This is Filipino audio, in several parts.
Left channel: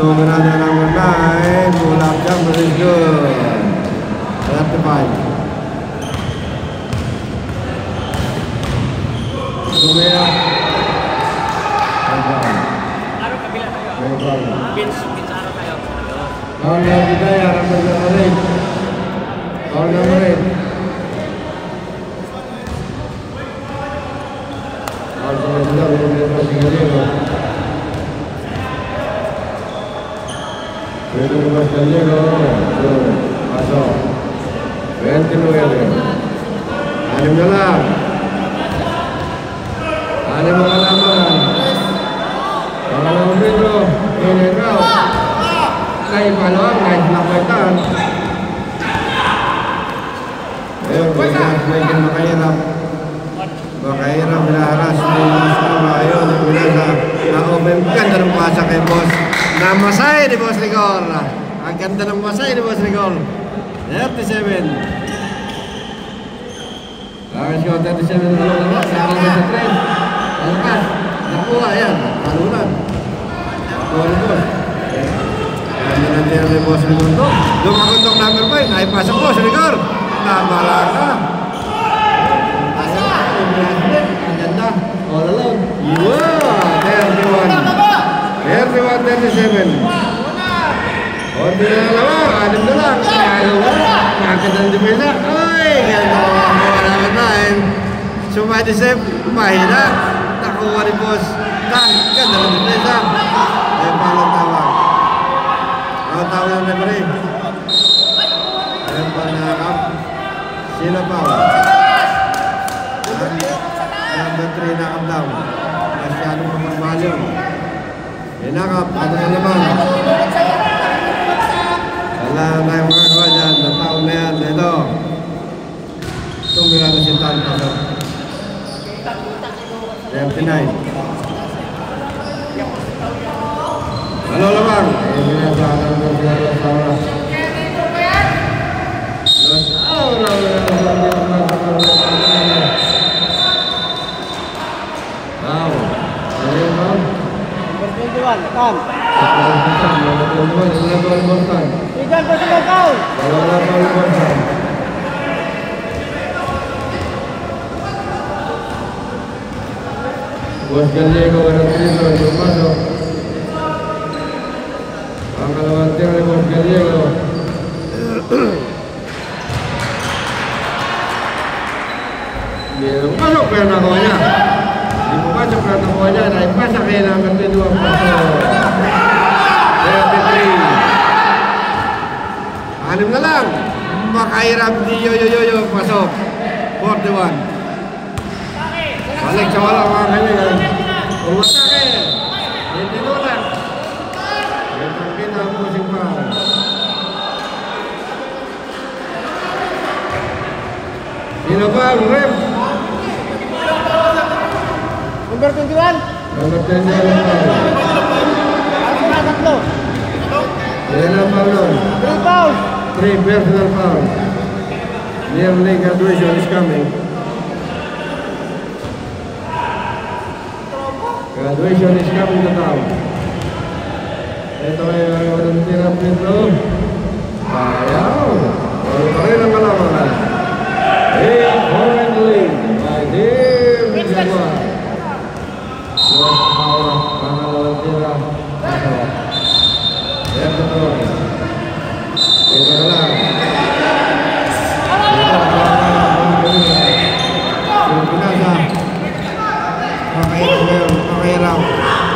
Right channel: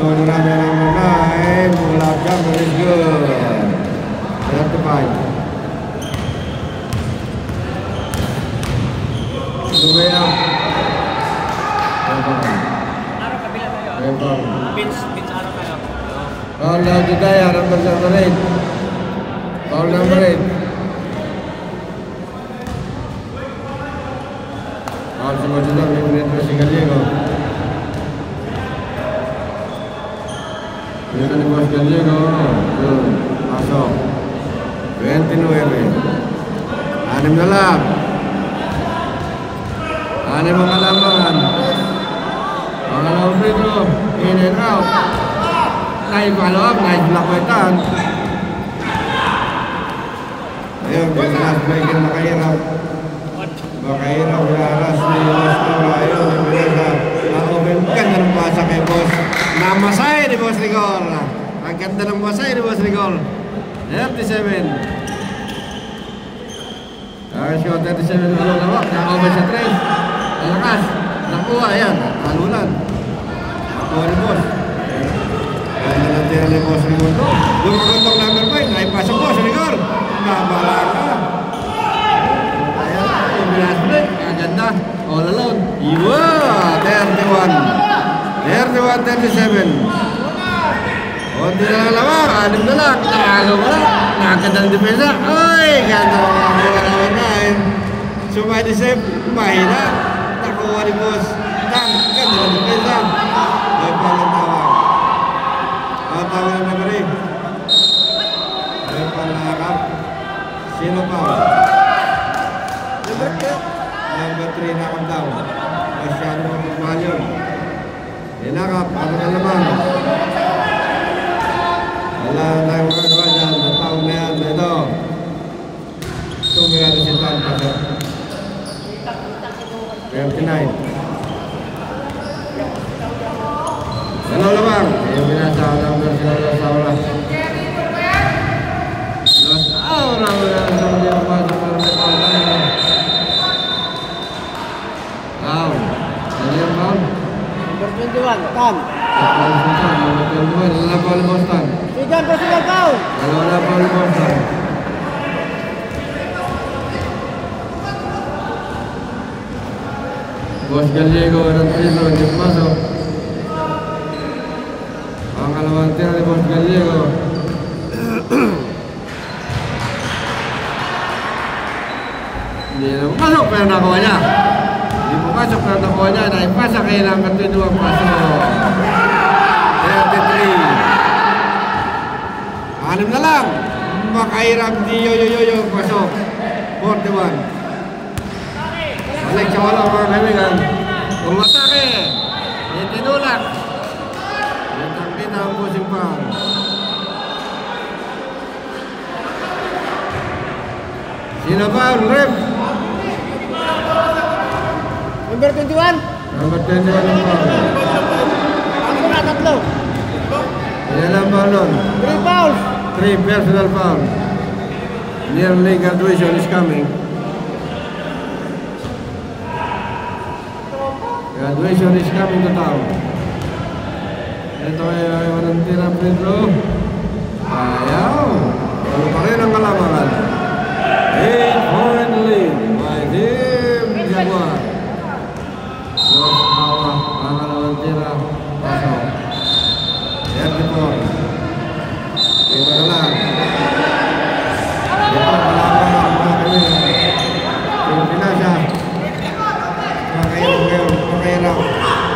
Tung another number 9. Pull up jumper is good. 35. Kalau kita ya number 8. Kalau number 8. Sudah lihat masih kali itu. Kita lepas kali itu. Masuk. 29. Anim dalam. Anim makanan. Kalau itu ini kau. Naik balap, naik belakang. Ayo kita naikin makahirap. Makahirap binaharas ni Mas Nora. Ayo binaga. Na-open. Ganda ng pasak kay boss. Namasay ni Boss Rigor. Ang ganda ng masay ni Boss Rigor. 37. Ayos ko, 37 dalawa. Saka mo sa 3. Alakas. Nakuha yan. Palulan. Nakuha ni Boss. Ganda ng tira ni Boss Rigor to. Lumakundok number 5. Naipasok Boss Rigor. Nabala ka. Ang ganda. All alone. Yeah. 31. 31-37. Konti na lamang. Anim na lang. Ano na? Nakakita ng depensa. Uy! Ganda mo. Wala ka time. Sumadisip. Mahina. Nakuha ni Boss. Ganda ng depensa. Ay palang tawag. Ang tawag ng referee. Ay palakap. Sino pa? Number 3 na down. Masyadong mapagmahal yun. Inakap, ano ka naman? Wala na tayong magagawa dyan. Nataon na yan. Ito. Tumira na si Tal. 39. Ano lamang? Buat Gallego masuk. Angkat lewantir oleh Buat Gallego. Dia masuk ke namanya. Masuk ke namanya. Naik pasang ke nomor 2 masuk. 33. Anim na lang. Makahirap di yo pasok. 41. Balik sa wala mga kaibigan. Umatake. Itinulak. Itang kita ang pusing pa. Sino pa? Rep. Number 21. Number 21 lang pa. Tatlo. Yan ang balong. 3 fouls. 3 personal fouls. Near league graduation is coming. Graduation is coming to town. Ito ay Valentina Pedro. Ayaw. Ang karera malaman. 8-point lead by Dim Jawa. Valentina Pedro. Pedro. Ito na lang. Ito na lang. Pinasa. Makahirap ngayon.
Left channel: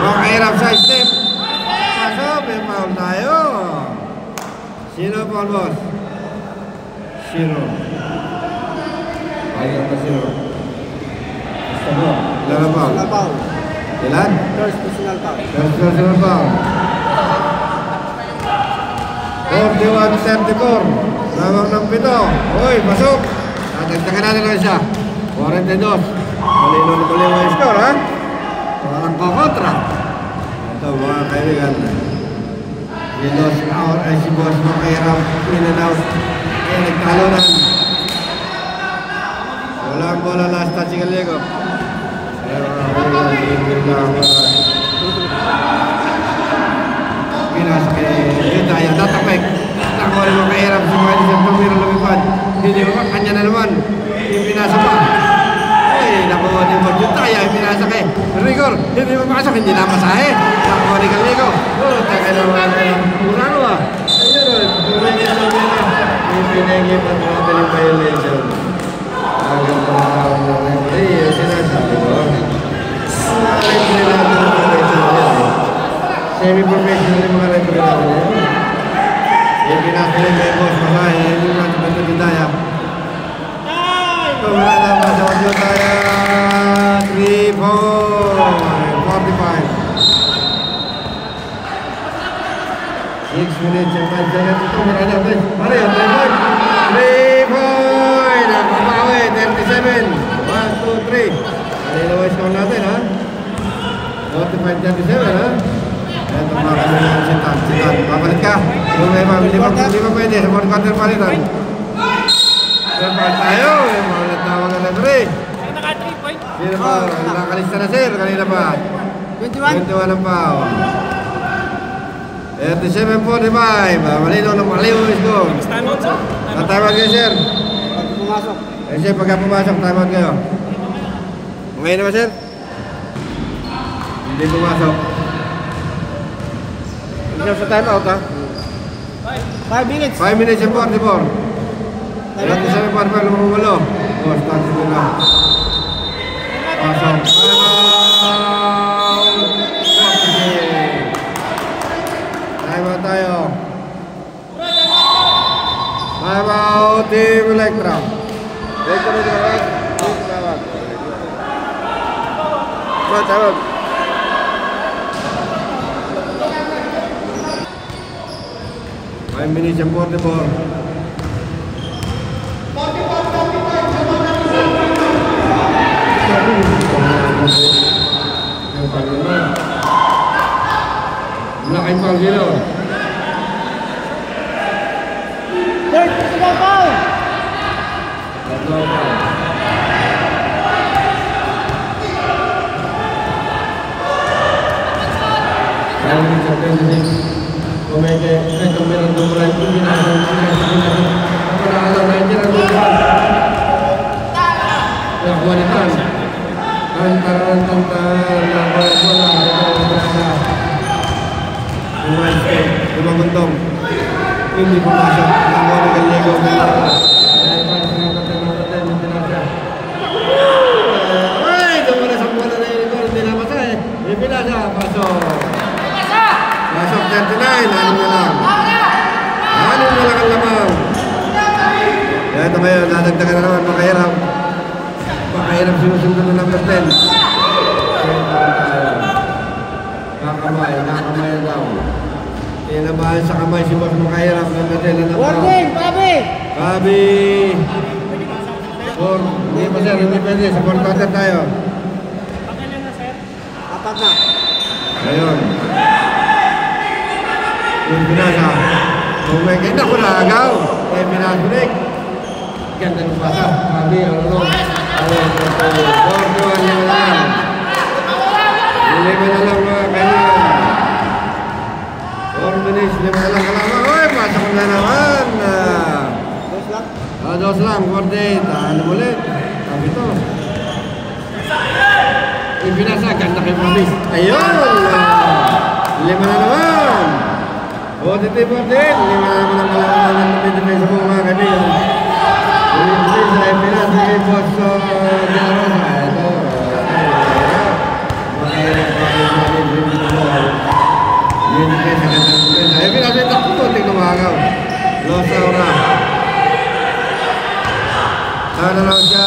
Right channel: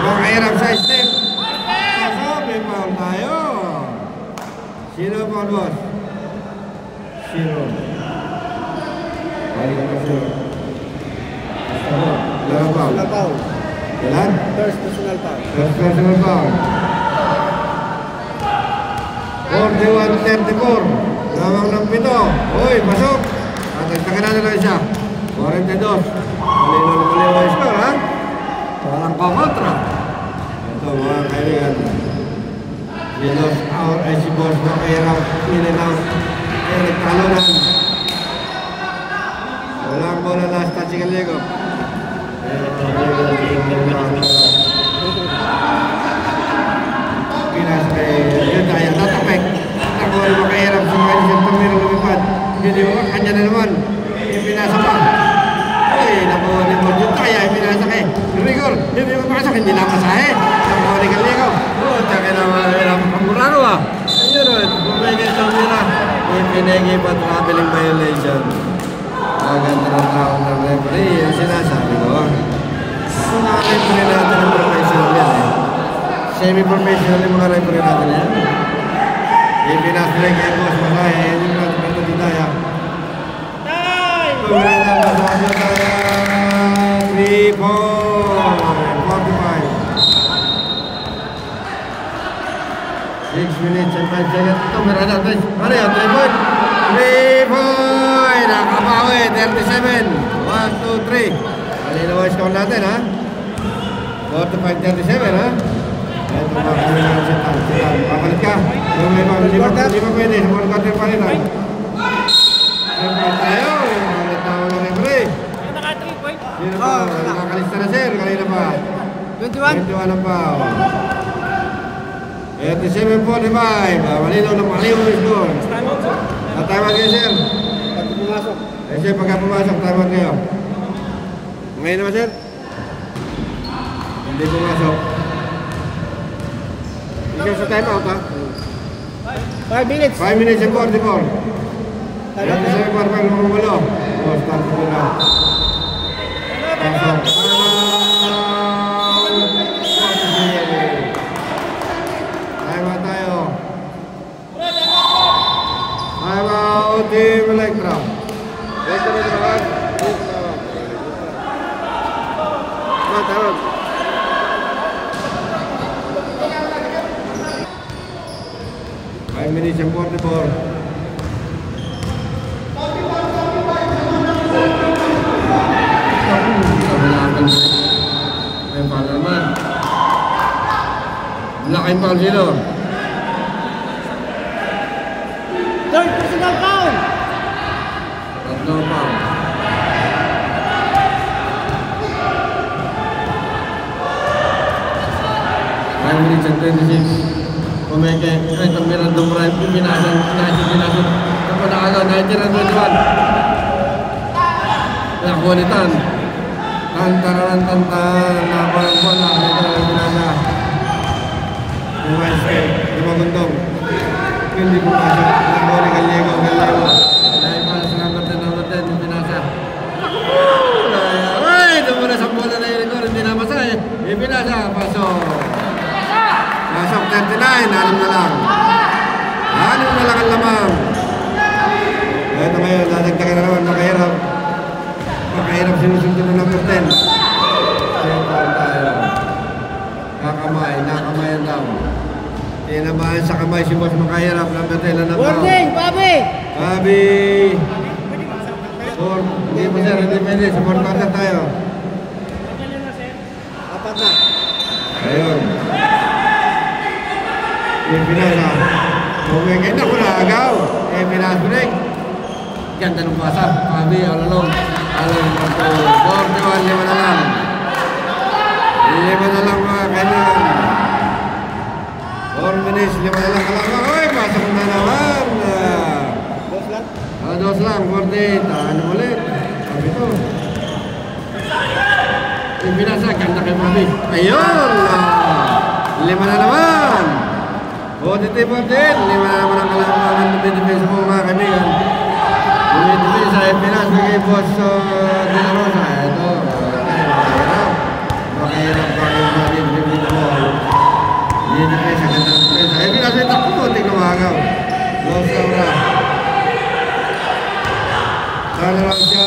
Makahirap sa step. Pasok, may foul tayo. Sino foul, boss? Sino? Ayun ka sino? Ilan foul? Ilan? First personal foul. First personal foul. 41-34. Lamang ng 7. Uy, pasok. Tatagtakin natin na siya. 42. Malino yung score, ha? Walang kokontra. Ito mga kaibigan. Si Los Aur ay si Boss Makahirap. In and out. Ay nagtalunan. Walang bola last touch si Gallego. Pinas Romero lumipad. Hindi ba? Kanya na naman. Ipinasa pa. Uy, nakuha ni Modyutaya. Ipinasa kay Rigor. Hindi mapasok. Hindi na masahe. Nakuha ni Galigo. Oh, taka naman. Ano ba? Ayun. Pwede na nila. Ipinagay pa traveling violation. Agad na tao ng referee. Yung sinasabi ko. Ang referee natin ang professional yan eh. Semi-professional yung mga referee natin yan. Ipinasbalik kay Boss Masahe. Hindi naman sa Pento Judaya. Tumira na ba sa Judaya? 3-4. 45. 6 minutes and 5 seconds. Tumira na ba? Ano yan? 3-4. Nakabawi. 37. 1, 2, 3. Kanina ba score natin ha? 45-37 ha? Tumakas na yung sitan. Papalit ka. Hindi pa pwede. Sa mga quarter palitan. Sampal tayo. Yung mga natawag na referee. Naka 3 point. Sino pa? Nakalista na sir. Kanina pa. 21 ang pa. 37-45. Malinaw na malinaw mismo. Natawag kayo sir. Pag pumasok. Eh sir, pagka pumasok, tawag kayo. Ngayon naman sir? Hindi pumasok. Ikaw sa time out ha? 5 minutes. 5 minutes and 44. Alam ko sa mga parang lumumulo. O, start ko na. Pasok. Time out! Time out tayo. Time out, Team Electra. Ito na tawag. Ito tawag. Ito tawag. Five minutes and 44. Laking pang zero. Third personal foul. Tatlo pa. Five minutes and 26. Kumeke, tumira ng drive, pinasang, pinaalan, naitiran mo naman. Nagbuanitan. Kantaran, Lumagundong. Hindi pumasok. Nakuha ni Gallego. Ay, tumira sa bola na yun. Hindi na masaya. Ipinasa, pasok. Pasok 39, ano mo lang. Ano mo lang ang lamang. Ito ngayon, nadagdagan na naman, makahirap. Makahirap sinusunod na number 10. Kakamay lang. Tinabahan sa kamay si Boss makahirap. Number 10 na naman. Warning, Pabi! Pabi! Hindi pa sir, hindi pwede. Sa 4 quarter tayo. Apat na. Ayun. Yung pinasa. Bumigay na ko na agaw. Pinasulik. Ganda ng pasa. Pabi, ano. 41, lima na lang. Lima na lang mga kailangan. 4 minutes, lima na lang kalamang. Uy, pasok ko na naman. Dos lang? Dos lang, 48. Ano ulit? Sabi to. Yung pinasa, ganda kay Pabi. Ayun! Lima na naman. 43-14. Lima na naman ang kalamangan ng defense po mga kaibigan. Ulit sa Epinas ni Boss De La Rosa. Ito. Makahirap pa kayo sa atin. Hindi defense. Epinas ay takot ko. Tingnan mahagaw. Los Aura. Sana lang siya.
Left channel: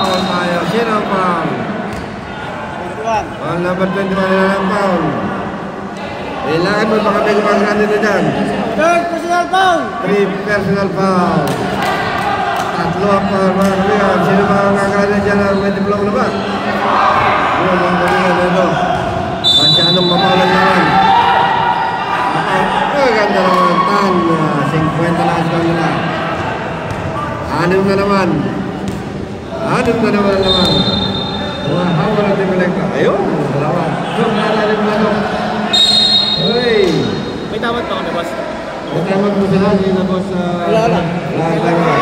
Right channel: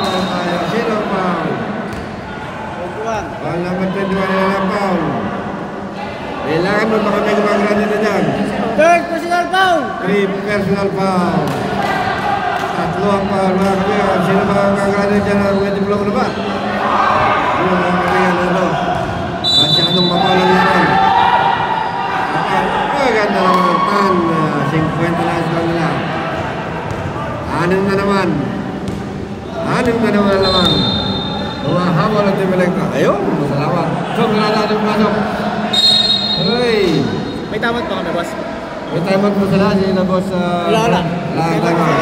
Foul tayo. Sino ang foul? 21. Foul number 21 na lang foul. Kailangan mo baka may gumagawa dito dyan. Third personal foul. 3 personal foul. Tatlo ang foul mga kaibigan. Sino ba ang gagawa dyan na may diploma na ba? Yun mga kaibigan. Ito. Masyadong mapaulan naman. Ganda naman. Tan. 50 na score nila. 6 na naman. 6 na naman. Mga hawal at Electra. Ayun. Salamat. Sure, wala na rin mga. Uy! May tamat pa ako na, boss. May timer po sila, hindi na po sa... Wala. Wala yung timer.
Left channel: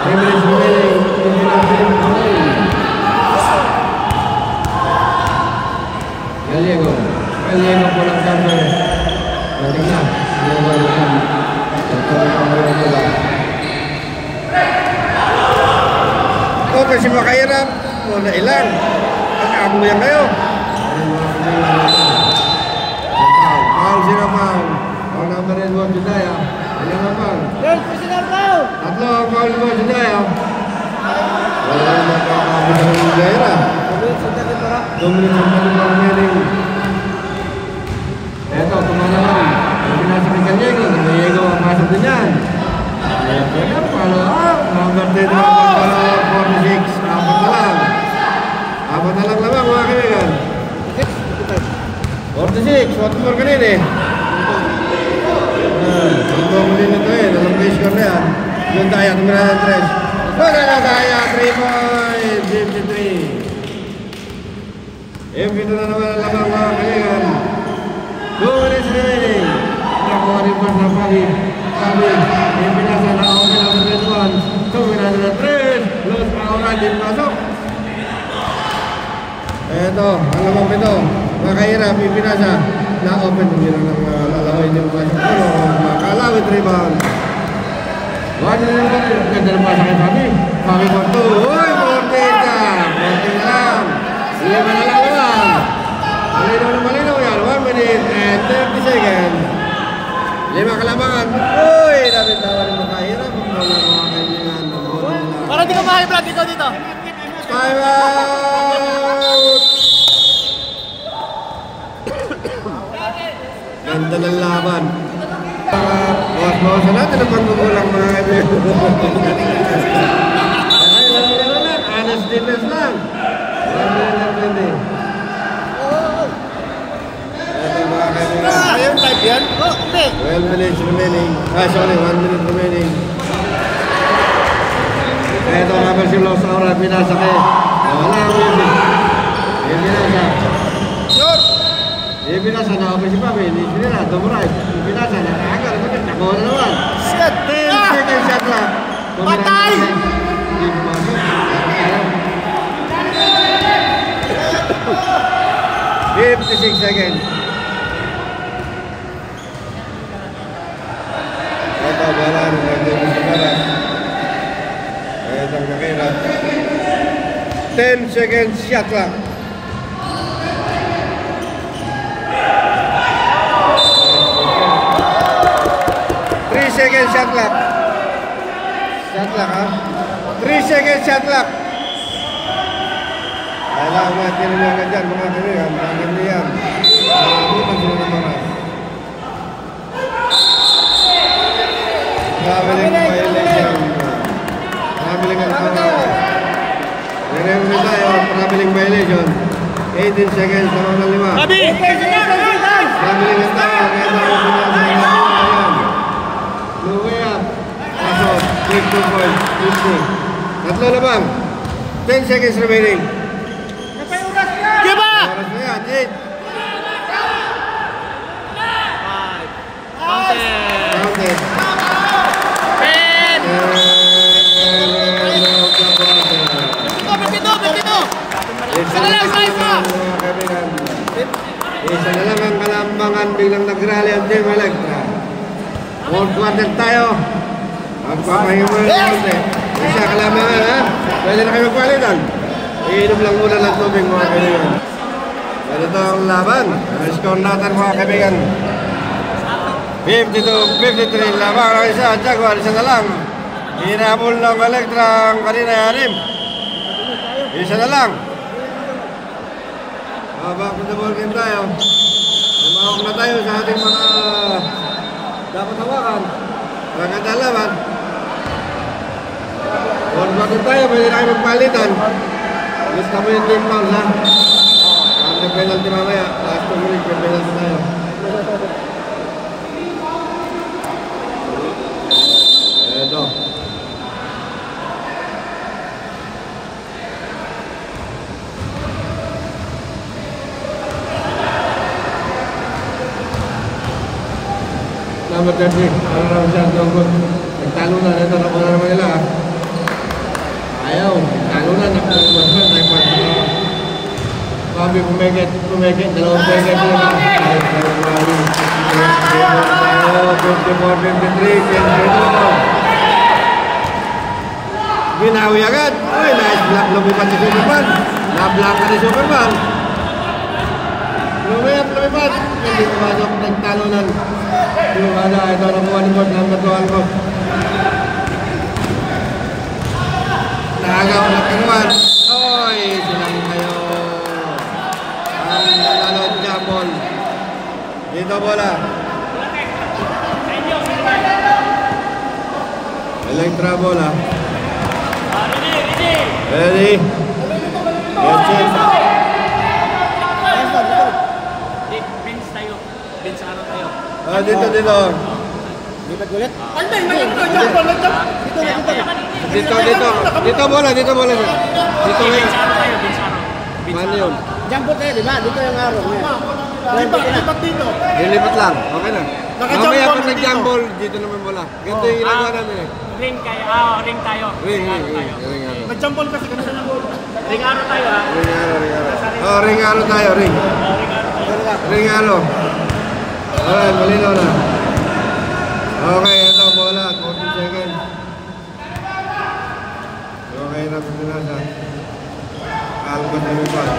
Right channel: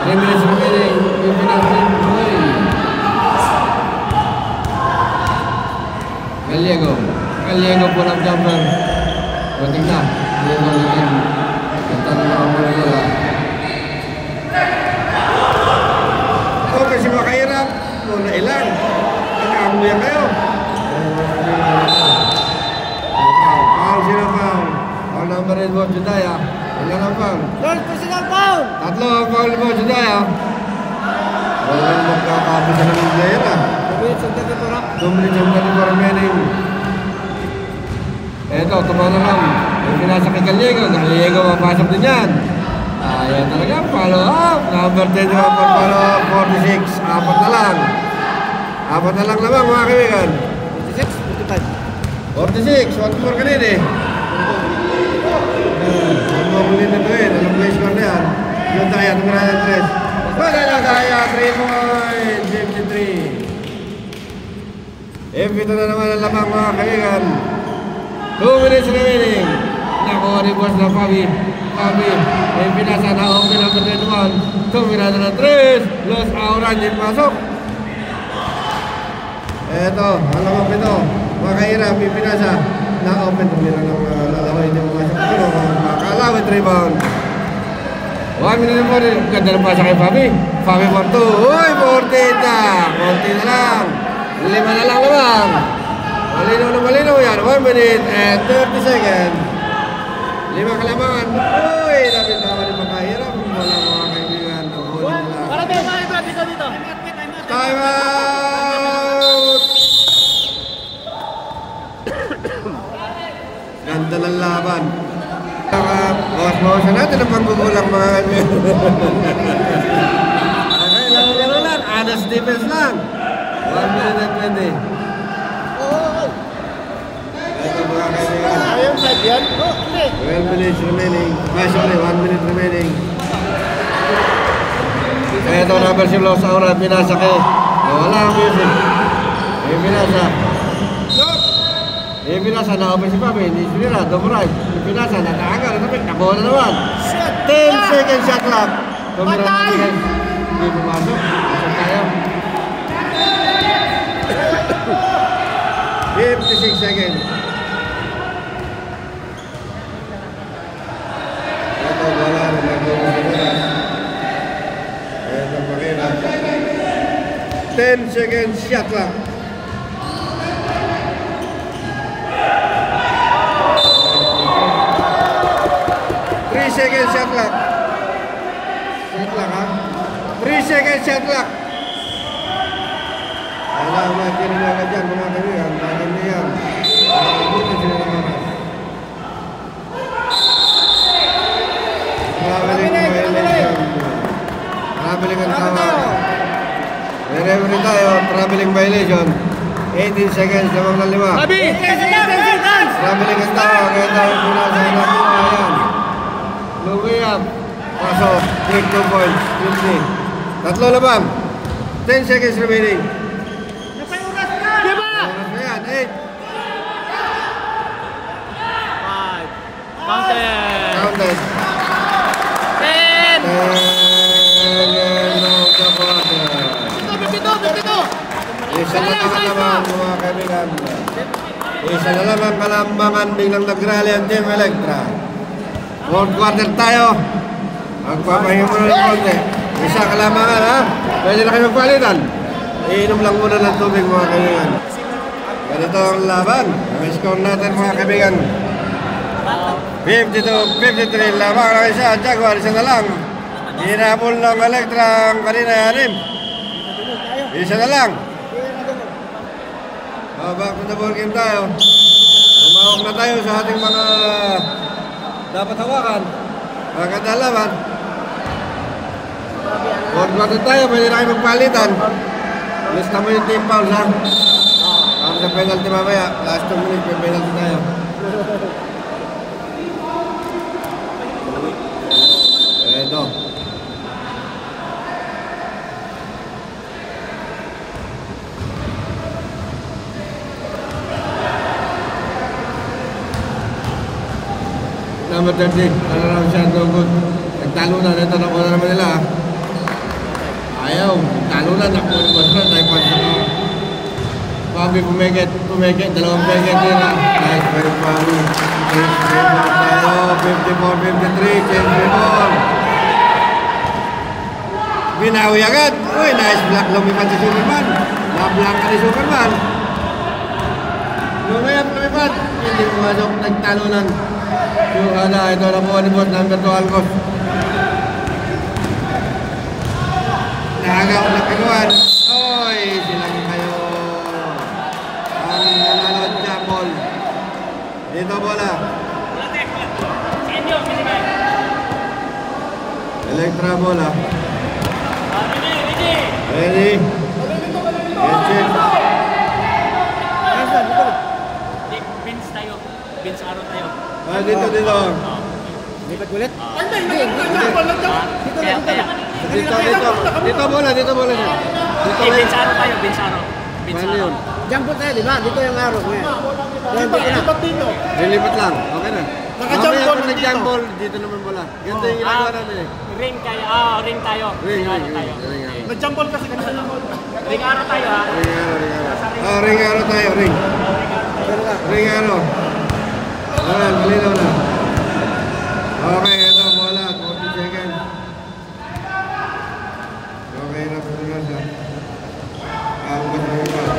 3 minutes remaining, yung pinag-frame boy. Gallego po ng timer. Mating na. Gallego naman. Oh, kasi makahirap. Muna ilang. Pag-aamuyan kayo. Foul, sino foul? Foul number 1 mo, Judaya. Ilan ang foul? Third physical foul. Tatlo ang foul mo, Judaya. Wala na kakabot sa mga Judaya. 2 minutes ang tayo remaining. Eto, tuma naman. Yung pinasa kay Gallego. Gallego ang pasok din yan. Ayaw talaga, follow up. Number 10 naman pag 46. Apat na lang naman mga kaibigan. 46, what more ka rin eh. Hindi mo muli na ito eh. Alam ko yung score na yan. Yung Daya, tumira ng 3. Wala na Daya, 3 points, 53. Ito na naman ang lamang mga kaibigan. 2 minutes remaining. Nakuha rin po na Fabi. Pinasa na ako ng 21. Tumira na ng 3. Los Auran yung pasok. Eto, ang lamang pito. Makahirap, ipinasa. Na-open kung yun ang lalaway niyo mga sa pulo. Makalawit rebound. 1 minute mo rin. Ganda ng pasa kay Fabi. Fabi for 2. Uy, 14 na. 14 lang. 5 na lang naman. Malinaw yan. 1 minute and 30 seconds. 5 kalamangan. Uy, dapat tawa rin makahirap. Kung wala mga kaibigan. Ang bola nila. Para di ka makahirap dito. Time out! Ganda ng laban. Bawas-bawasan natin ang pagbubulang mga kaibigan. Wala. Honest defense lang. 1 minute and 20. Ito mga kaibigan. Ayun, 5 yan? 12 minutes remaining. 1 minute remaining. Ito number si Los Auran. Pinasa kay. Wala yung music. Pinasa. Pinasa na ako si Papi. Hindi sinila. Dumulay. Pinasa. Natakagal. Nakuha na naman. 10 seconds shot clock. Patay! 56 seconds. Ito, wala rin. Nagdumulay. Ito ang makirap. 10 seconds shot clock. Second shot clock. Shot clock ha? 3 seconds shot clock. Kailangan matinin nyo agad dyan mga kaibigan. Bakit niyan? Bukan sila ng mga. Traveling violation. Traveling ang mga. Whenever tayo, traveling violation. 18 seconds naman na 5. Sabi! Traveling ang tayo. Kaya tayo pinasa. Kaso, 3 points, 50. Tatlo naman. 10 seconds remaining. Giba! Oras na yan, 8. 5. Counted. 10. Isa na lang ang kalambangan biglang nagrally ang Team Electra. 4 quarter tayo. Magpapahinga mo ng konti. Isa kalamangan ha. Pwede na kayo magpalitan. Iinom lang muna ng tubig mga kaibigan. Ganito ang laban. Ang score natin mga kaibigan. 52-53 laban ang isa. Jaguar isa na lang. Hinabol ng Electra ang kanina yanim. Isa na lang. Back to the ball game tayo. Lumawag na tayo sa ating mga dapat hawakan. Pagkatalaman. Huwag na tayo, pwede na kayo magpalitan. Alis na minute yung pause ha. Kung nag-penalty mamaya, last 2 minutes, may penalty tayo. Ito. number 30. Para naman siya tungkol. Nagtalo na. Ito na po na naman nila. Ayaw. Nagtalo na. Nakuha na. Tayo pa sila. Bobby pumigit. Dalawang pumigit rin na. Nice. Pero Bobby. Tayo. 54-53. Siyempre doon. Binawi agad. Uy, nice block. Lumipat si Superman. Na-block ka ni Superman. Lumipat. Hindi pumasok. Nagtalo lang. Yung ito na mga nabot ng Matuan ko. Nakagaw na kanuan. Oy, silang kayo. Ang nanalo jambol. Dito bola. Electra bola. Ready. Let's check. Bench tayo. Bench ano tayo? Dito. Lipat ulit? Dito bola. Dito Bench yun. ano tayo? Bench ano? Mano yun? Jumbo tayo, di ba? Dito yung araw niya. Lipat dito. Lilipat lang. Okay na. Naka-jump Mamaya ball pag dito. nag-jump ball, dito naman bola. Ganito yung ginagawa namin eh. Ring kayo. Ring tayo. Ring. Nag-jump ball kasi kanina. Ring ano tayo ha? Ring aro tayo, ring. Ring aro. Alright, malinaw na. Okay, ito bola. 40 seconds. Okay na pinasa. Albas na lipad.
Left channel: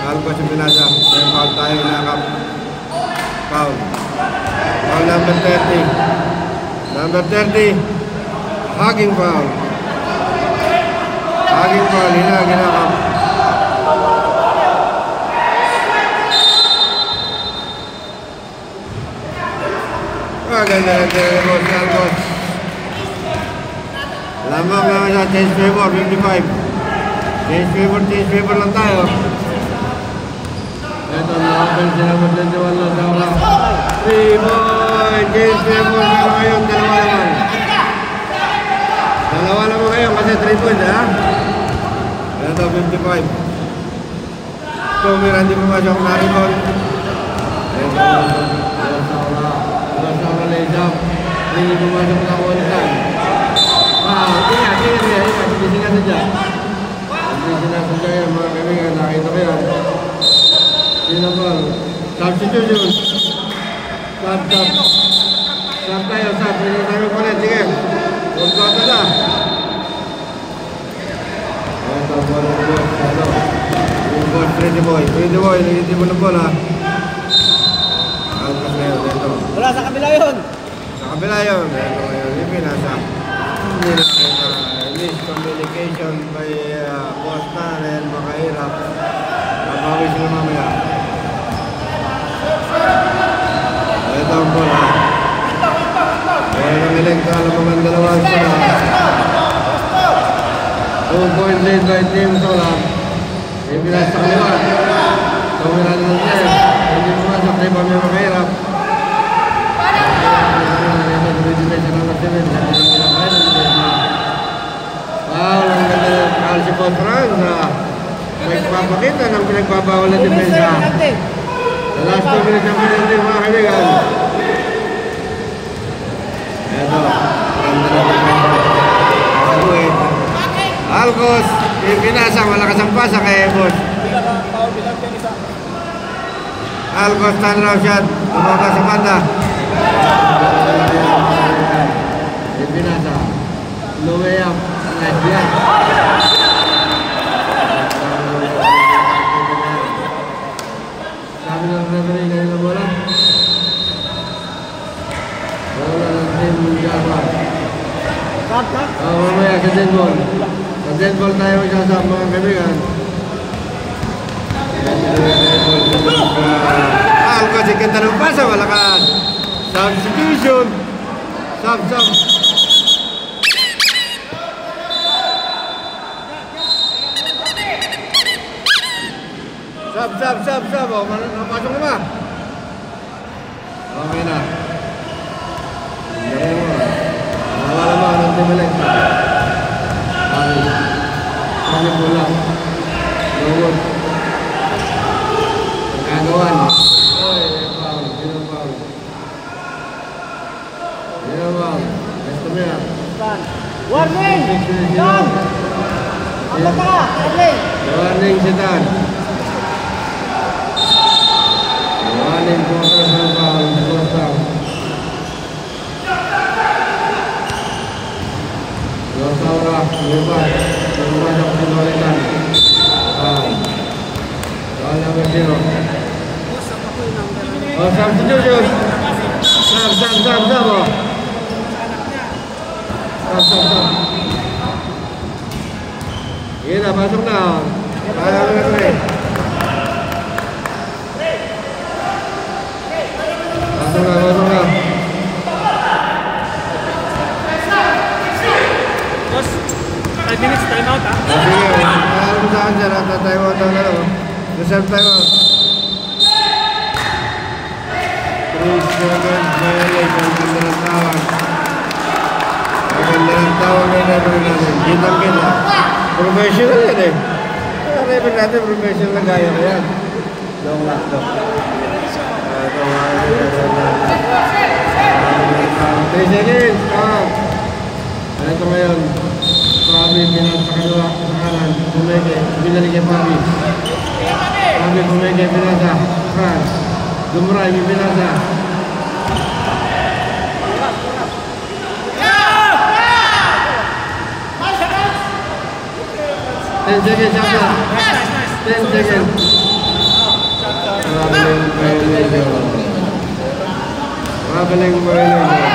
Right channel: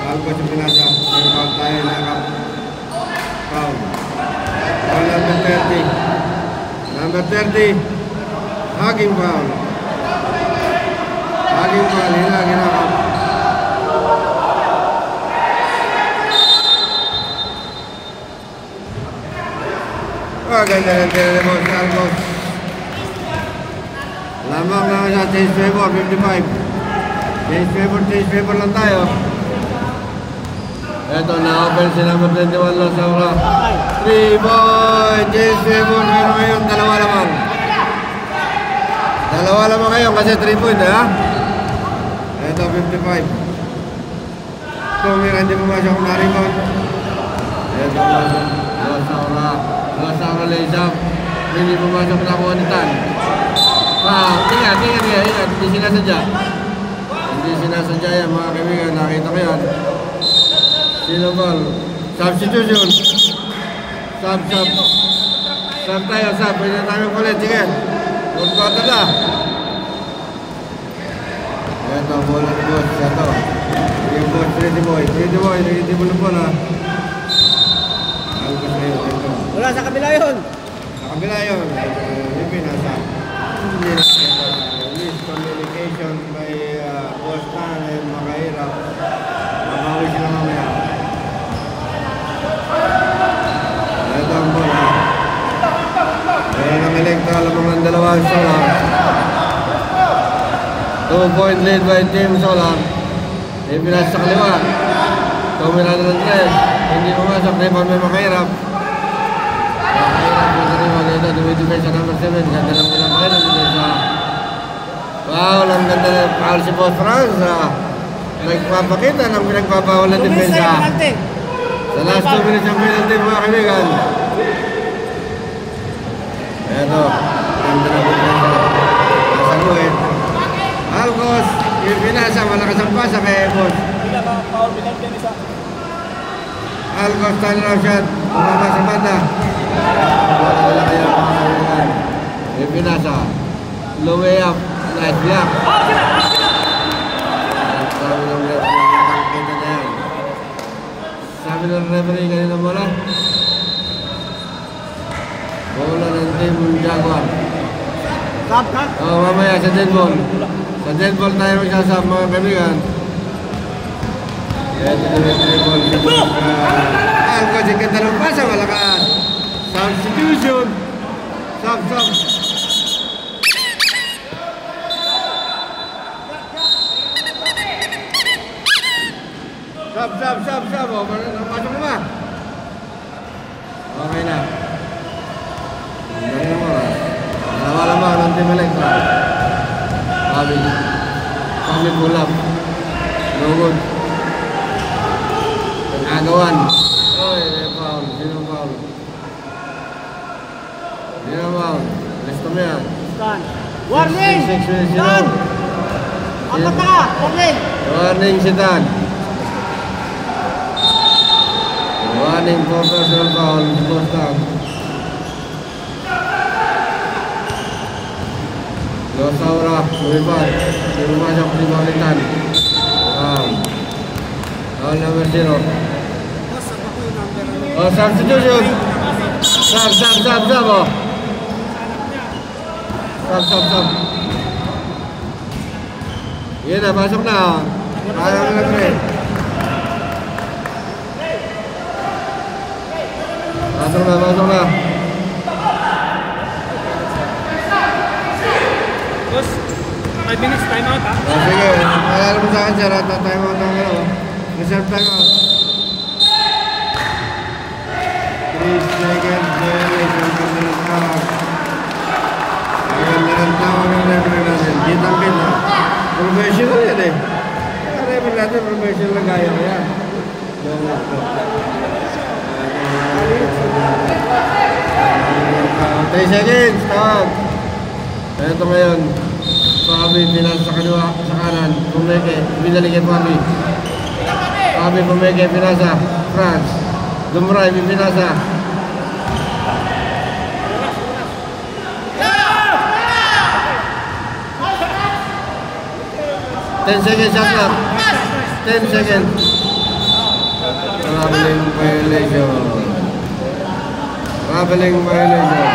Albas na pinasa. May foul tayo nakap. Foul. Foul number 30. Number 30. Hugging foul. Hugging foul. Ginakap. Ganda ng Telemos Algos. Lamang naman sa change favor, 55. Change favor lang tayo. Ito, nakapal sila ng 21 lang sa mga 3 boy, change favor meron kayong dalawa naman kayo kasi 3 point ha. Ito, 55. Tumira hindi pumasok na rebound. Hindi pumasok na one time. Ingat. Hindi sinasadya yan mga kaibigan. Nakita ko yan. Sino ba? Substitution. Sub tayo. Pwede tayo ulit. Sige. Yung bata na. Ito. Yung boss. Pretty boy. Nagiti mo ng bola. Alpas na yun. Ito. Wala, sa kabila yun. Sa kabila yun. Ito ngayon. Yung pinasa. Hindi na kita. Miscommunication by Boss Tan, makahirap. Nabawi sila mamaya. Ito ang bola. Kaya ng Electral ng dalawang Sola. 2-point lead by Team Sola. Ibilas sa kaliwa. Tumila na ng time. Hindi pumasok na iba may makahirap. Ito, dumidimay sa number 7. Wow, ang ganda ng foul si Boss Franz. Nagpapakita ng pinagpapawal na depensa. Sa last 2 minutes ang penalty mga kaibigan. Ito, ganda na Franz. Alcos, pinasa, malakas ang pasa kay Boss. Alcos, turnaround shot. Tumama sa banda. Pinasa. Low way up. Nice block. Sabi ng referee kanina bola. Bola ng Team Java. Mamaya sa dead ball. Sa dead ball tayo magsasama mga kaibigan. Alcos, ikanta ng pasa, malakas. Substitution. Sub. Sub. Oh, pasok na ba? Okay na. Nawala mo ng tumulik. Sabi bola. Ngayon. Pagkagawan. Oy, foul. Sino foul? Warning si Dan. Warning for personal foul. Fourth down. Saura, lebar. Kemudian ada Primaritan. Foul number 0. Substitution. Stop. Iya dah masuk dah. Masuk dah. Coach, 5 minutes time out ha? Sige, alam mo sa akin sir, time out ang ano. Reserve time out. 3 seconds violation. Ganda ng tawag. Ganda ng tawag ng referee natin. Kitang-kita. Professional yan eh. Ang referee natin, professional na gaya ko yan. Joke lang, joke. Ito mga 3 seconds. Ito ngayon. Fabi pinasa sa kanila, sa kanan. Pumeke, binaligyan Fabi. Fabi Pumeke pinasa. France. Dumray pinasa. Ten seconds shot clock. 10 seconds. Traveling violation. Traveling violation.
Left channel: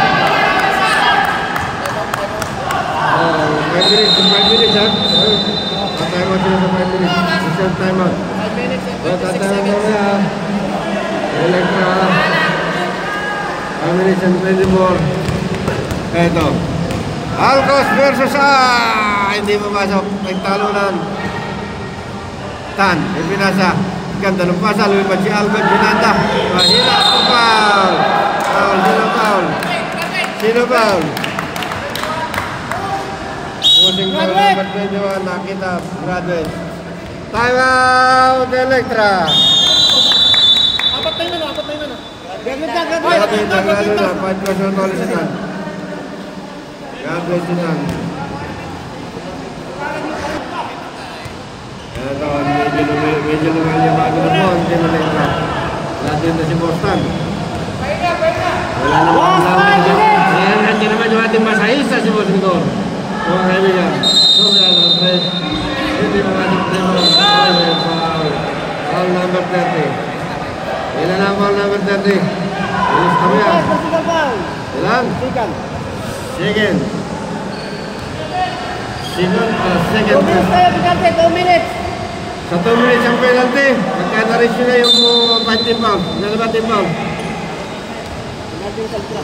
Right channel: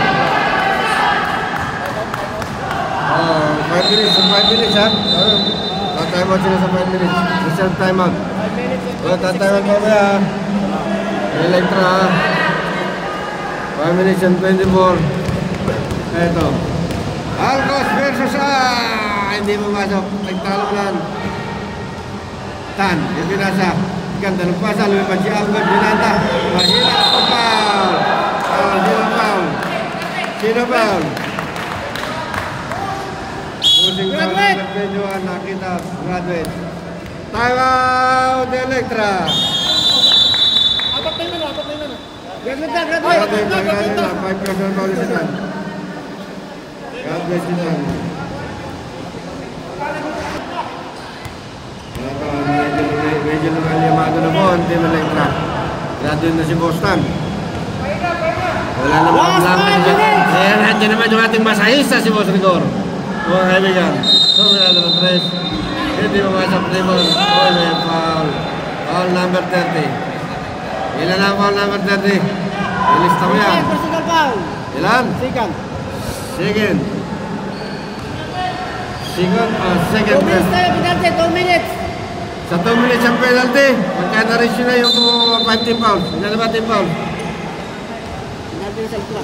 5 minutes ha? Time out sila sa 5 minutes. Reserve time out. 5 minutes and 26 Time seconds. out na. Electra. 5 minutes and 24. Eto. Alcos versus hindi pumasok. Nagtalunan. Tan. Ipinasa. Ganda ng pasa. Lumipad si Alcos. Junanta. Mahila ang foul. Foul. Sino foul? Pusing foul number 21. Nakita. Graduate. Time out. Electra. Apat na yun ano? Graduate. Graduate. 5% ulit si Tan. Graduate si Tan. Ito, medyo naman yung mga mo, hindi na Electra. Graduate na si Boston. Wala naman dyan. Ayan, hindi naman yung ating masahista si Boss Rigor. Mga kaibigan. Hindi pumasok din mo. Foul number 30. Ilan ang foul number 30? Ilis na yan. Ilan? Second. Second. 2 minutes tayo, pinarte, 2 minutes. Sa 2 minutes ang penalty. Kaya na-reach na yung 5 pound. Ilan na 5 pound?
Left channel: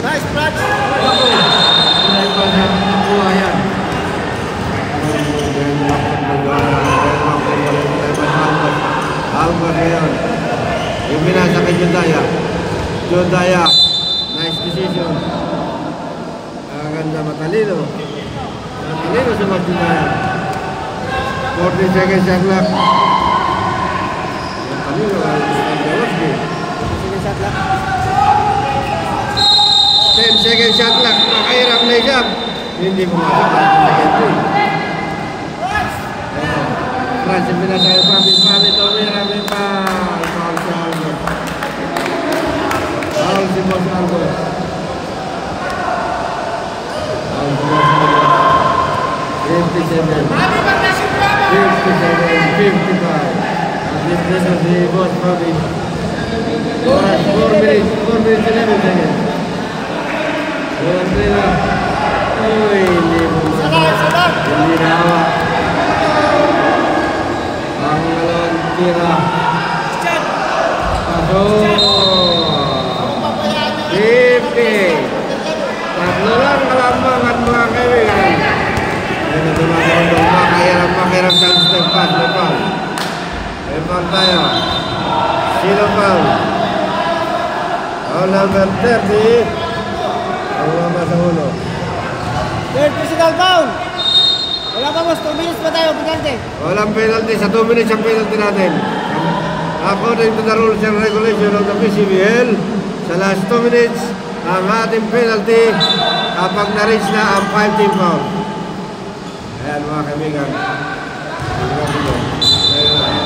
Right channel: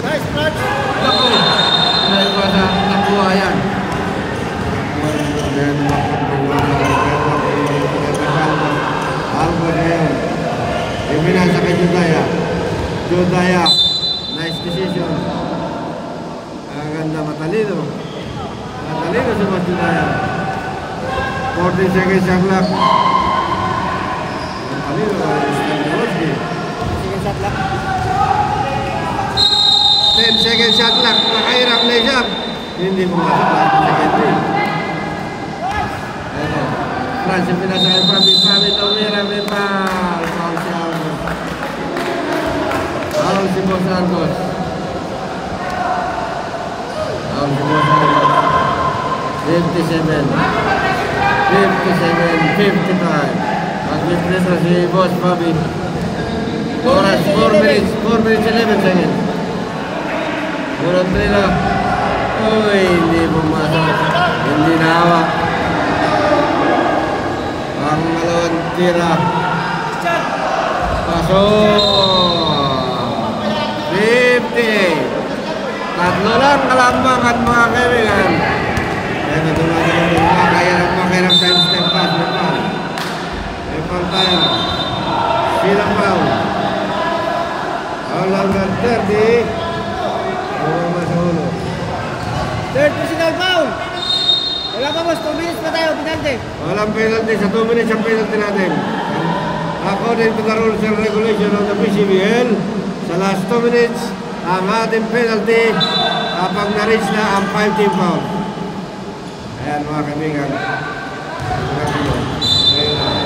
Nice, Brad. Alcos ngayon. Ipinasa kay Jodaya. Nice decision. Ang ganda, matalino. Matalino si Mas Jodaya. 40 seconds shot clock. Matalino. Sige, shot lang. 10 seconds shot clock. Nakahirap na isang. Hindi pumasok lang. Second. France, yung pinasaya Fabi Tolmera, may foul. Foul si Alcos. Foul si Boss Alcos. Foul si Boss Alcos. 55. Ang pressure si Boss Fabi. Oras, 4 minutes, 11 seconds. Bulan nila. Uy, hindi mo masasama. Hindi na hawak. Tira. Pasok. 50. Tatlo lang kalambangan mga kaibigan. Yan ito mga kondong. Makahirap sa step pass. Lepal tayo. Sino foul? Foul number 30. Ang sa ulo. Third personal foul. Wala pa boss, 2 minutes pa tayo, penalty. Walang penalty. Sa 2 minutes ang penalty natin. According to the rules and regulation of the PCBL, sa last 2 minutes, ang ating penalty kapag na-reach na ang 5-team foul. Ayan mga kaibigan. Ayan na.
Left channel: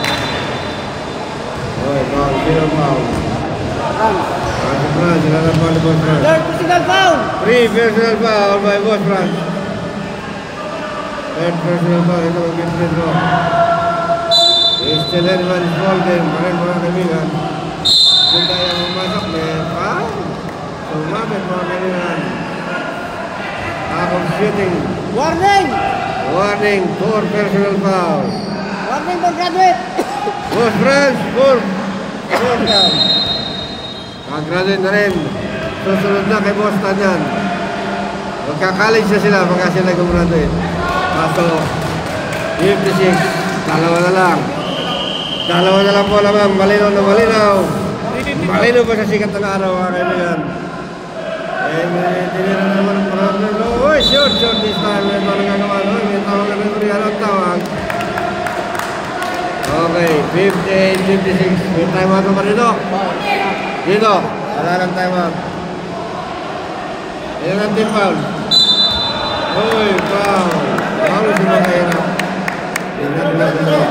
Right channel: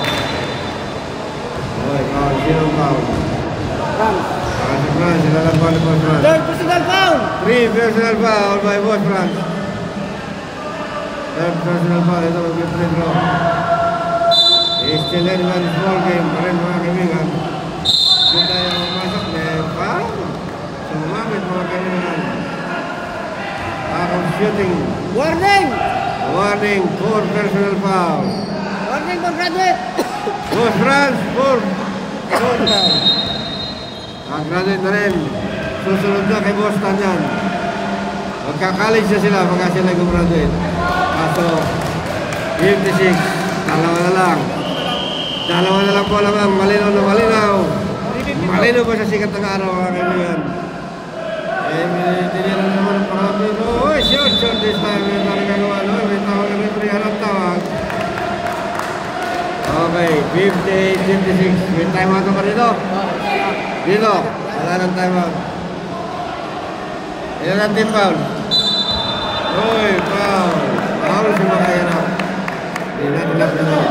ni Boss Franz. Third personal foul. 3 personal foul by Boss Franz. Third personal foul. Ito mag-free throw. Still anyone small game pa rin mga kaibigan. Kung tayo pumasok, may foul. Sumabit mga kaibigan. Lack of shooting. Warning. Warning, 4 personal foul. Warning for graduate. Boss Franz, 4 foul. Graduate na rin. Susunod na kay Boss Tanyan. Magka-college na sila pagka sila gumraduate. Pasok 56. Dalawa na lang. Dalawa na lang po lamang. Malinaw na malinaw. Malinaw pa sa sikat ng araw mga kaibigan. Tinira na naman ang pangalan. Uy, short this time. May mga nagagawa. May tawag na referee. Anong tawag? Okay, 58-56. May time out pa dito. Dito. Wala ng time out. Yan ang team foul. Uy, foul. Foul si Makayana. Yan natin na dito.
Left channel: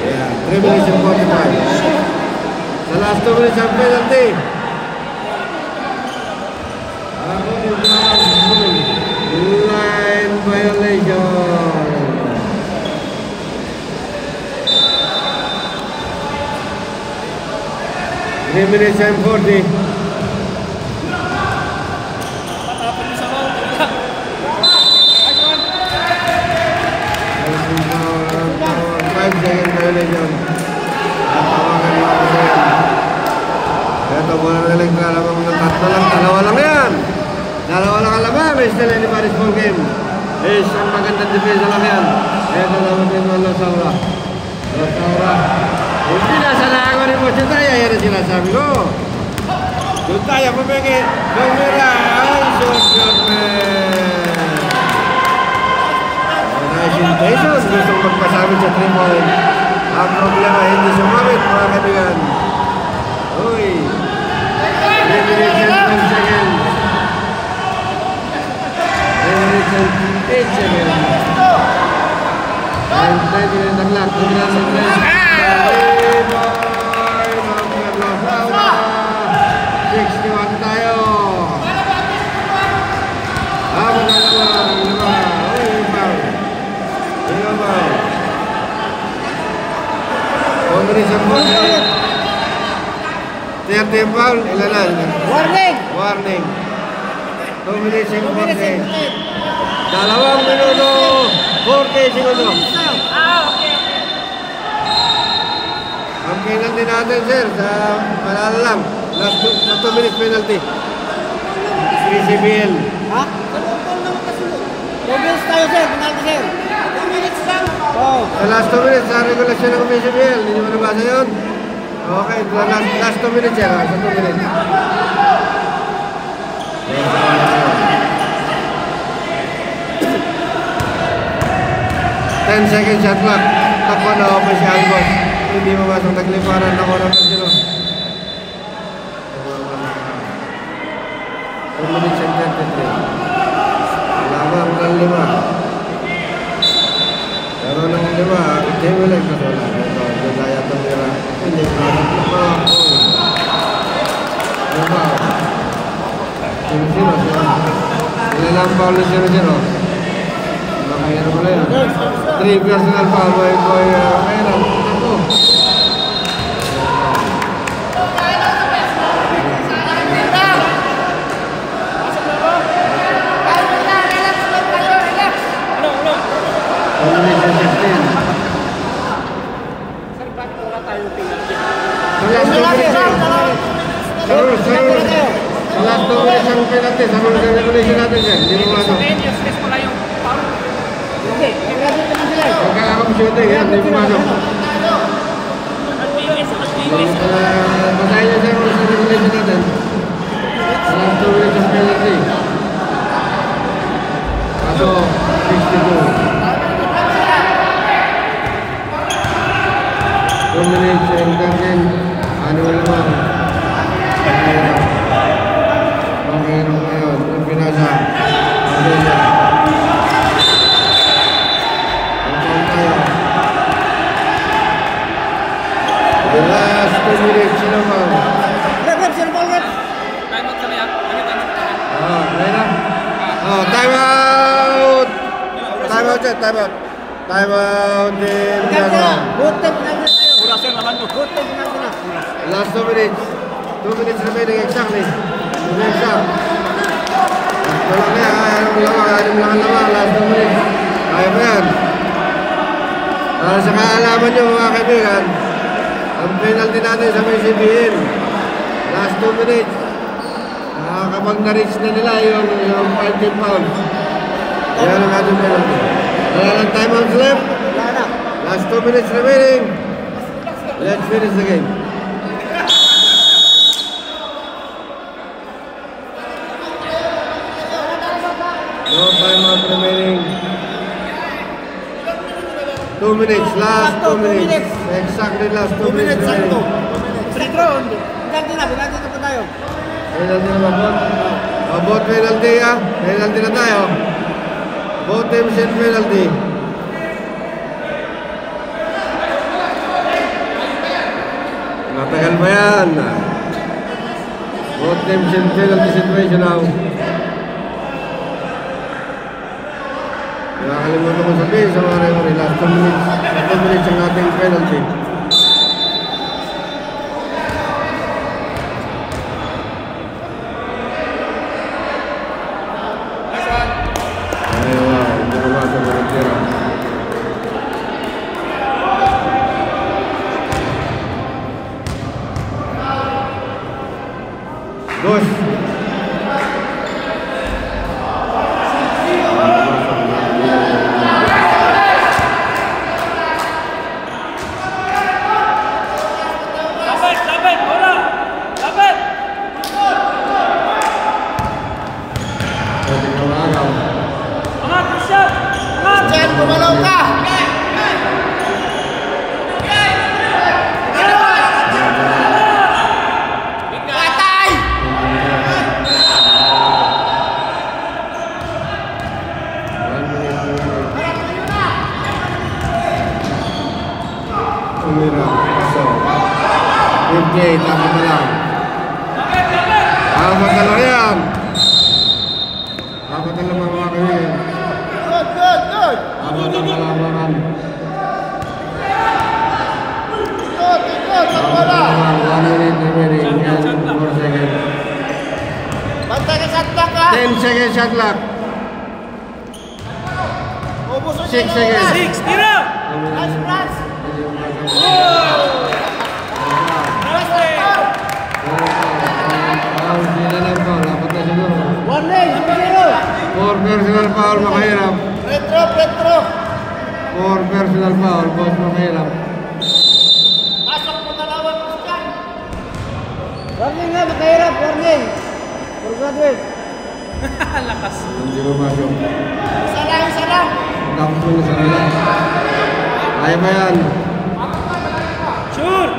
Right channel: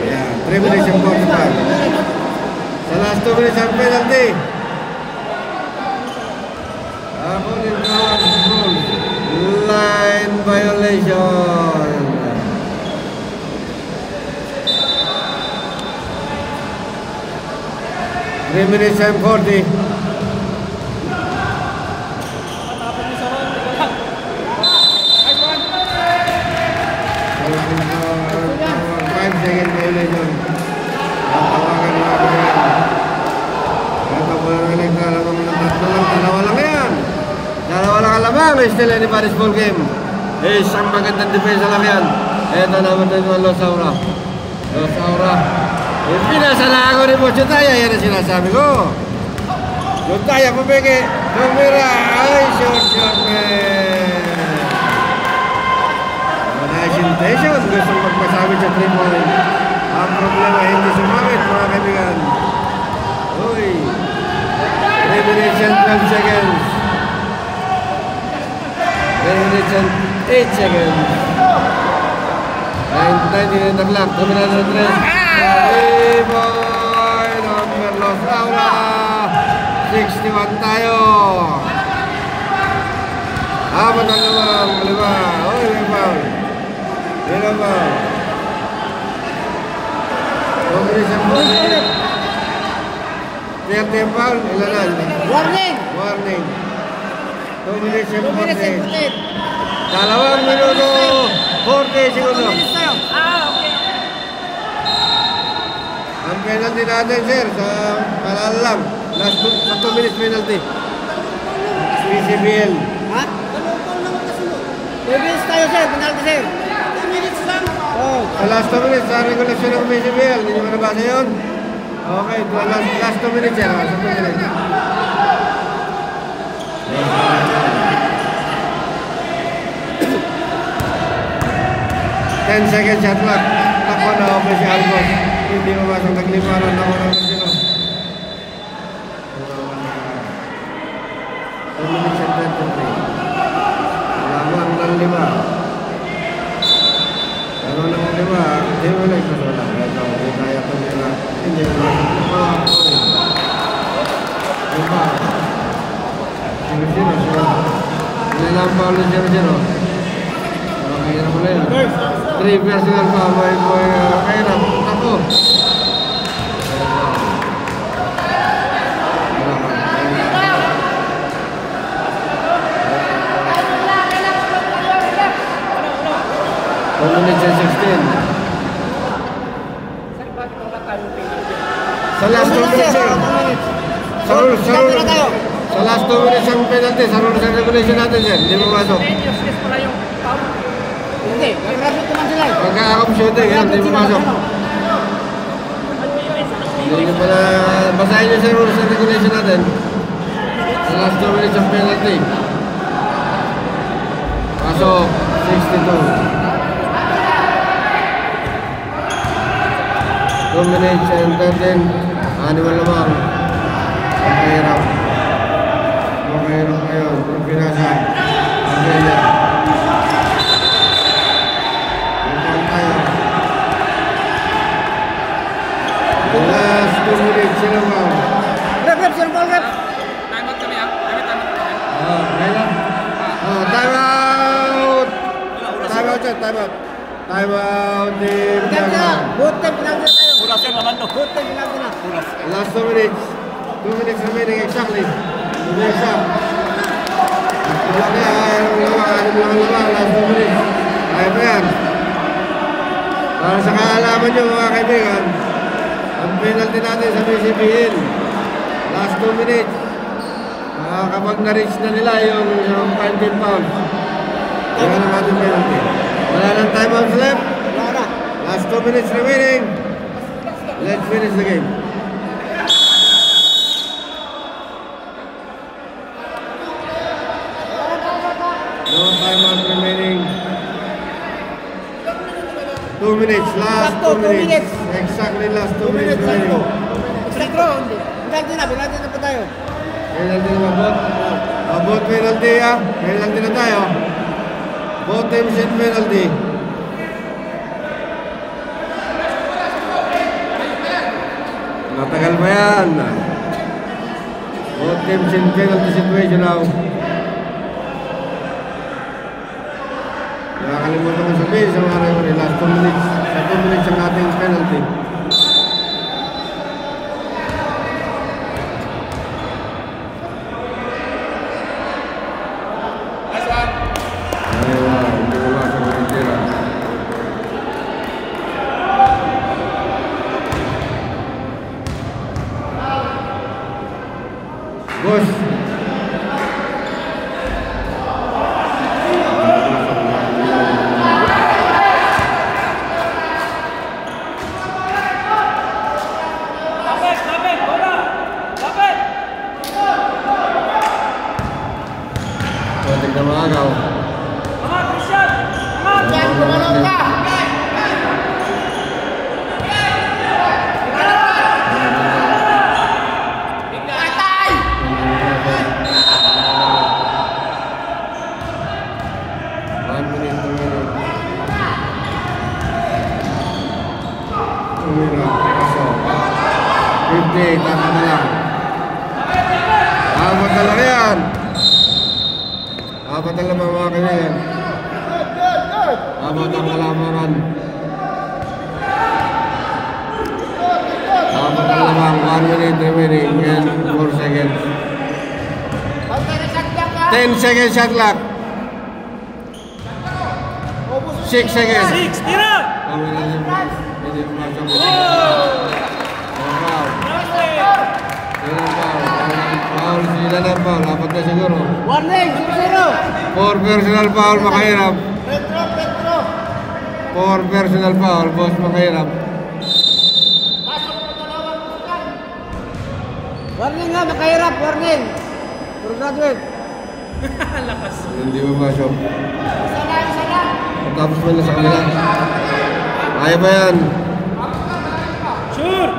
Yan. 3 minutes and 45. Sa last 2 minutes ang penalty. Line violation. Minutes and 40. 5-second violation. At tawagan mga kaibigan. Ito muna na naglalamang ng tatlo lang. Dalawa lang yan. Dalawa lang alamang. Still anybody's ball game. Ang magandang defensa lang yan. Ito naman din mga Losaura. Yung pinasala ako ni Boss Jutaya. Yan ang sinasabi ko. Jutaya pumeke. Pumira. Ay, short man. Nice intention. Gustong magpasabit sa 3-point. Ang problema, hindi sumabit mga kaibigan. Uy. 3 minutes and 5 seconds. 10 minutes and 8 seconds. 9:30 na naglag. Kuminan sa 3. Boy! 61 tayo. Magagawa. Third foul, ilan na? Warning. Warning. 2 minutes and 40. 2 minuto, 40 segundo. Ang penalty natin, sir, sa palala lang. Last 2 minutes penalty. PCBL. Ha? 2 minutes tayo, sir. Penalty, sir. 2 minutes lang. Oh. Sa last 2 minutes, sa regulasyon ng PCBL. Hindi mo nabasa yun? Okay, last 2 minutes yan. Sa 2 minutes. 10 seconds shot clock. Takbo na open si Albos. Hindi mamasok nagliparan ng oras ng sino. 2 minutes and 33. Lamang ng 5. Lamang ng 5. Timulek na wala. Ito, Jutaya tumira. Hindi mamasok na mga apoy. Limaw. Sino? Sinalampaw na sino. Makaya na pala yun. 3 personal foul by Boy Rokayna. Ako. Sa last 2 minutes ang penalty, sa rules and regulation natin yan, hindi mo masok. Pagka-akong shooting yan, hindi mo masok. Basahin nyo sa rules and regulation natin. Sa last 2 minutes ang penalty. Kaso, 62. 2 minutes and 10. Ano naman? Mayroon ngayon, yung pinasa, Abella. Ipon tayo. The last 2 minutes, sino ba? Rep, sino ba? Time out! Time out siya, time out. Time out din. Good time penalty tayo. Good time penalty. Last 2 minutes. 2 minutes remaining exactly. To be exact. Wala kaya, anim lang ang lamang. Last 2 minutes. Kaya pa yan. Para sa kaalaman nyo mga kaibigan, ang penalty natin sa PCBN, last 2 minutes. Kapag na-reach na nila yung 5 pounds, yan ang ating penalty. Wala lang timeouts left. Last 2 minutes remaining. Let's finish the game. No timeout remaining. 2 minutes. Last 2 minutes. Exactly last 2 minutes remaining. Free throw, hindi. Penalty na pa tayo. Penalty na ba, Bot? Bot penalty, ah. Penalty na tayo. Both teams in penalty. Matagal ba yan? Both teams in penalty situation now. Nakakalimutan ko sabihin sa mga referee, last 2 minutes. Sa 2 minutes ang ating penalty. Ay, wow, hindi ko ba sa volunteera. Boss! Umira, pasok. 58, dapat na lang. Dapat na lang yan. Dapat na lang mga kaibigan. Dapat na lang naman. Dapat na lang 1 minute remaining and 4 seconds. 10 seconds shot clock. 6 seconds. 6, tira! Warning, 0-0. 4 personal foul, makahirap. Retro. 4 personal foul, boss, makahirap. Warning nga, makahirap, warning. For graduate. Lakas. Hindi mo masok. Sana. Tapos mo na sa kanila. Kaya ba yan? Sure!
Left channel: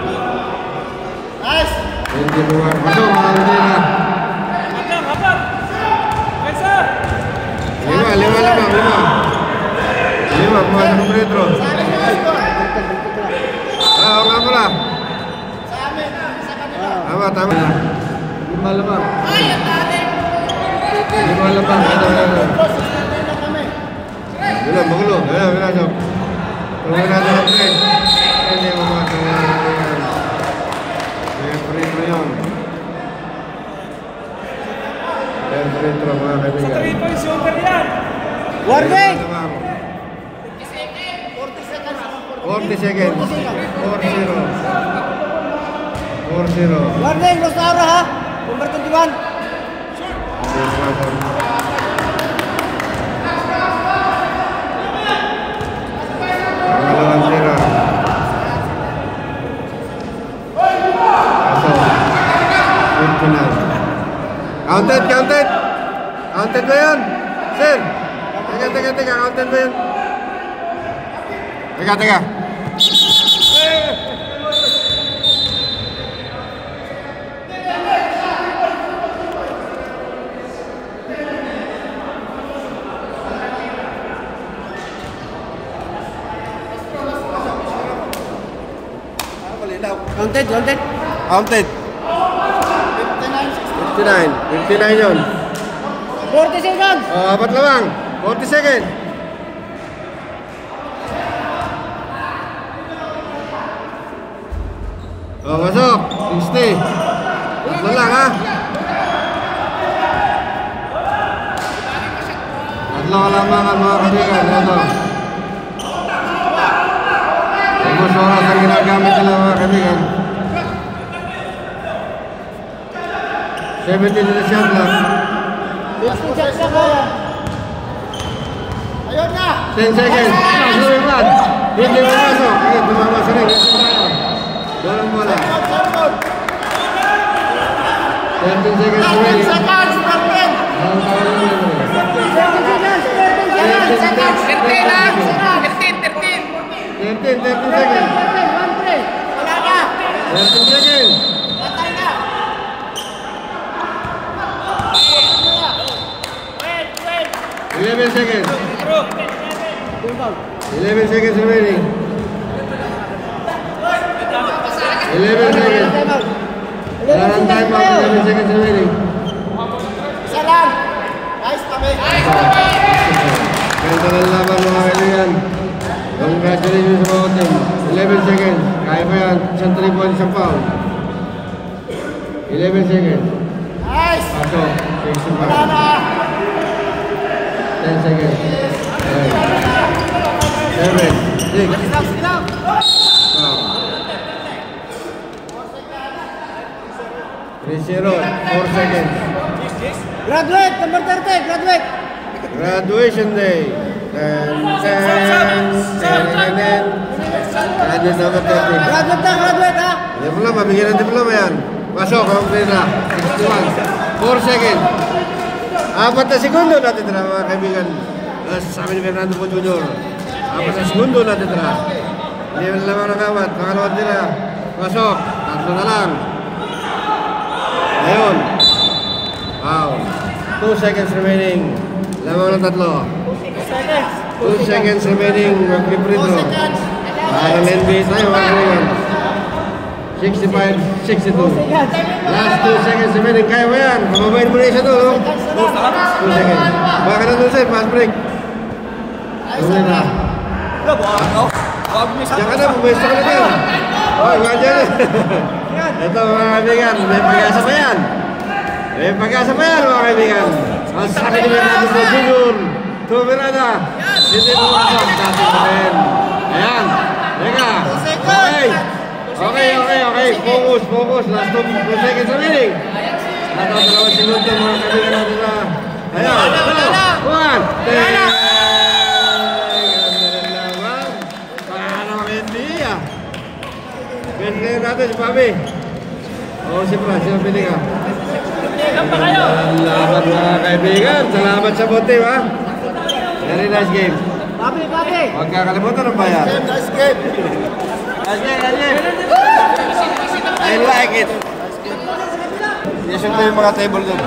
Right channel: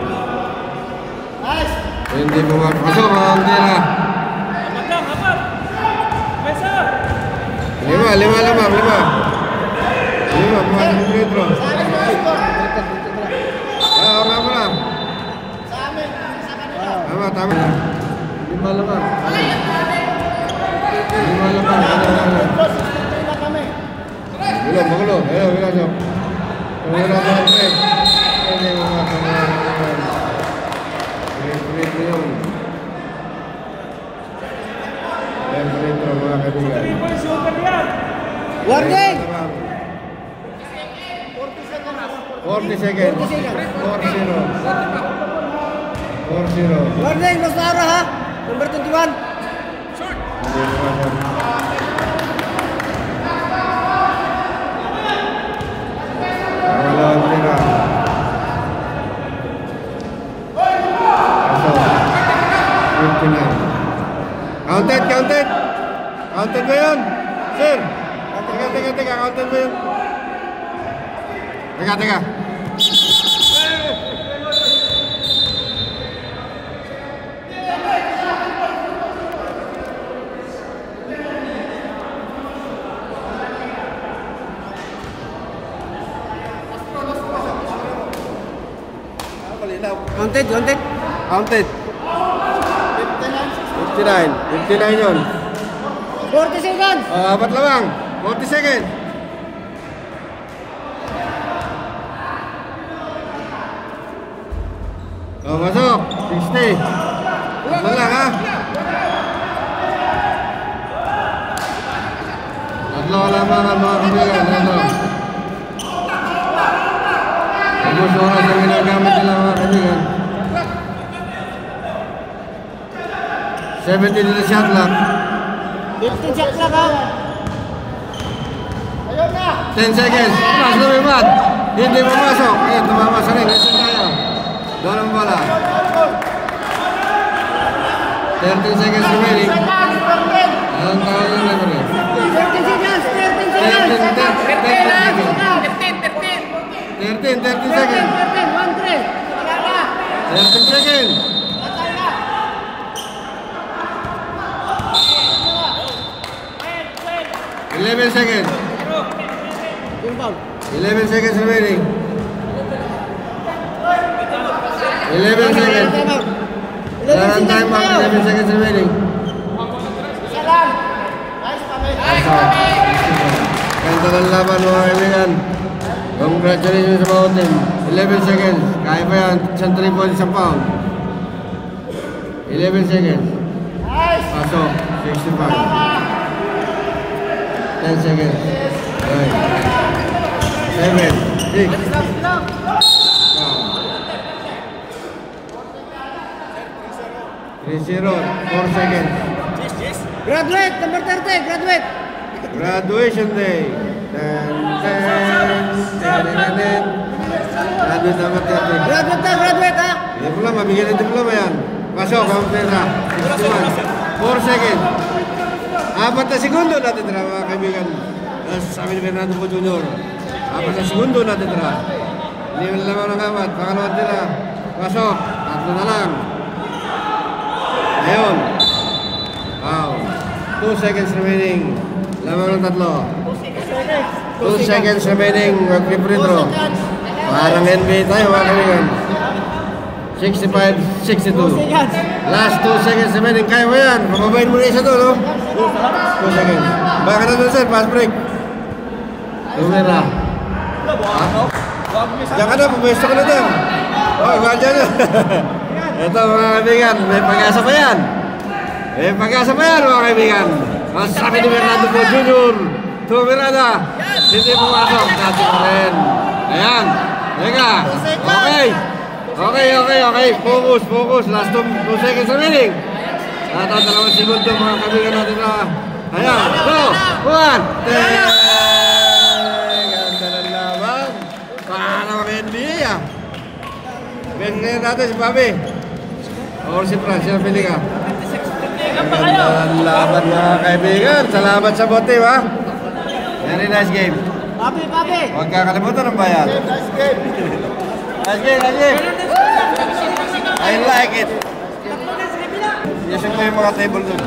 Nice. Hindi mo masok, hindi na. Apat! Kaisa! 5, 5, pumasok ng retro. Sa amin mga score. Oo nga mo na. Sa amin, sa kanila. Tama. 5 lamang. 5 lamang. Retro, 69 na kami. Magulo. Ayan, pinasok. Tumulong natin ang tre. Hindi mo masok na natin. Retro yun. Ayan, retro mga kaibigan. Warning. 40 seconds. 4-0. Warning, Los Nara ha. Number 21. Hindi mo masok. Pangalawang tira. Kaso. 59. Counted ba yun? Sir. Teka. Counted ba yun? Teka. Counted. 59 yun. 40 seconds. Apat lamang. 40 seconds. Masuk. 60. Tatlo lang ha. Tatlo kalamangan mga kaibigan. Ito. Ubus oras ang ginagamit nila mga kaibigan. 70 nila shot lang. 15 seconds na ba? 10 seconds. Masuk Imran. Hindi pumasok. Ayan, tumamas rin. Dalam bola. 13 seconds remaining. Ang pangalan na rin. 13 seconds. 13 seconds. 11 seconds. 11 seconds remaining. 11 seconds. Sekarang time out. 11 seconds remaining. Kaya ng laban mga kaibigan. Congratulations sa mga team. 11 seconds. Kaya pa yan. Isang 3 points sa foul. 11 seconds. Pasok. 65. 10 seconds. 9. 7. 6. Foul. 3-0. 4 seconds. Graduate, number 30, graduate. Graduation day. 10, 10, 10. Graduate number 30. Graduate na, graduate ha. Diploma, bigyan ng diploma yan. Pasok, ang pera. 61. 4 seconds. 4 na segundo natitira mga kaibigan. Sabi ni Fernando Po Jr. 4 na segundo natitira. Hindi na lamang ng apat. Pangalawat nila. Pasok. 3 na lang. Ayun. Wow. 2 seconds remaining. Lamang ng 3. 2 seconds remaining. Mag-free throw. Parang NBA tayo mga kaibigan. 65-62. Last 2 seconds remaining. Kaya mo yan. Mababayin mo na isa to, no? 2 seconds. Baka na doon sa'yo. Fast break. Ulit na. Diyan ka na. Pumwesto ka na dyan. Baka dyan na. Ito mga kaibigan. May pag-asa pa yan. May pag-asa pa yan mga kaibigan. Masabi ni Fernando Po Jr. Tumirada. Hindi pumasok. Dati pa rin. Ayan. Teka. Okay. Focus. Last 2 seconds remaining. Natatawag segundo mga kaibigan natin na. Ayan. 1. Parang NBA ah. Pilihan natin si Papi. O si Fran, sino pilihan? Pilihan pa kayo. Salamat mga kaibigan. Salamat sa bote ha. Very nice game. Papi. Huwag kakalimutan ng bayan. Nice game. I like it. Yes, yung may mga table doon.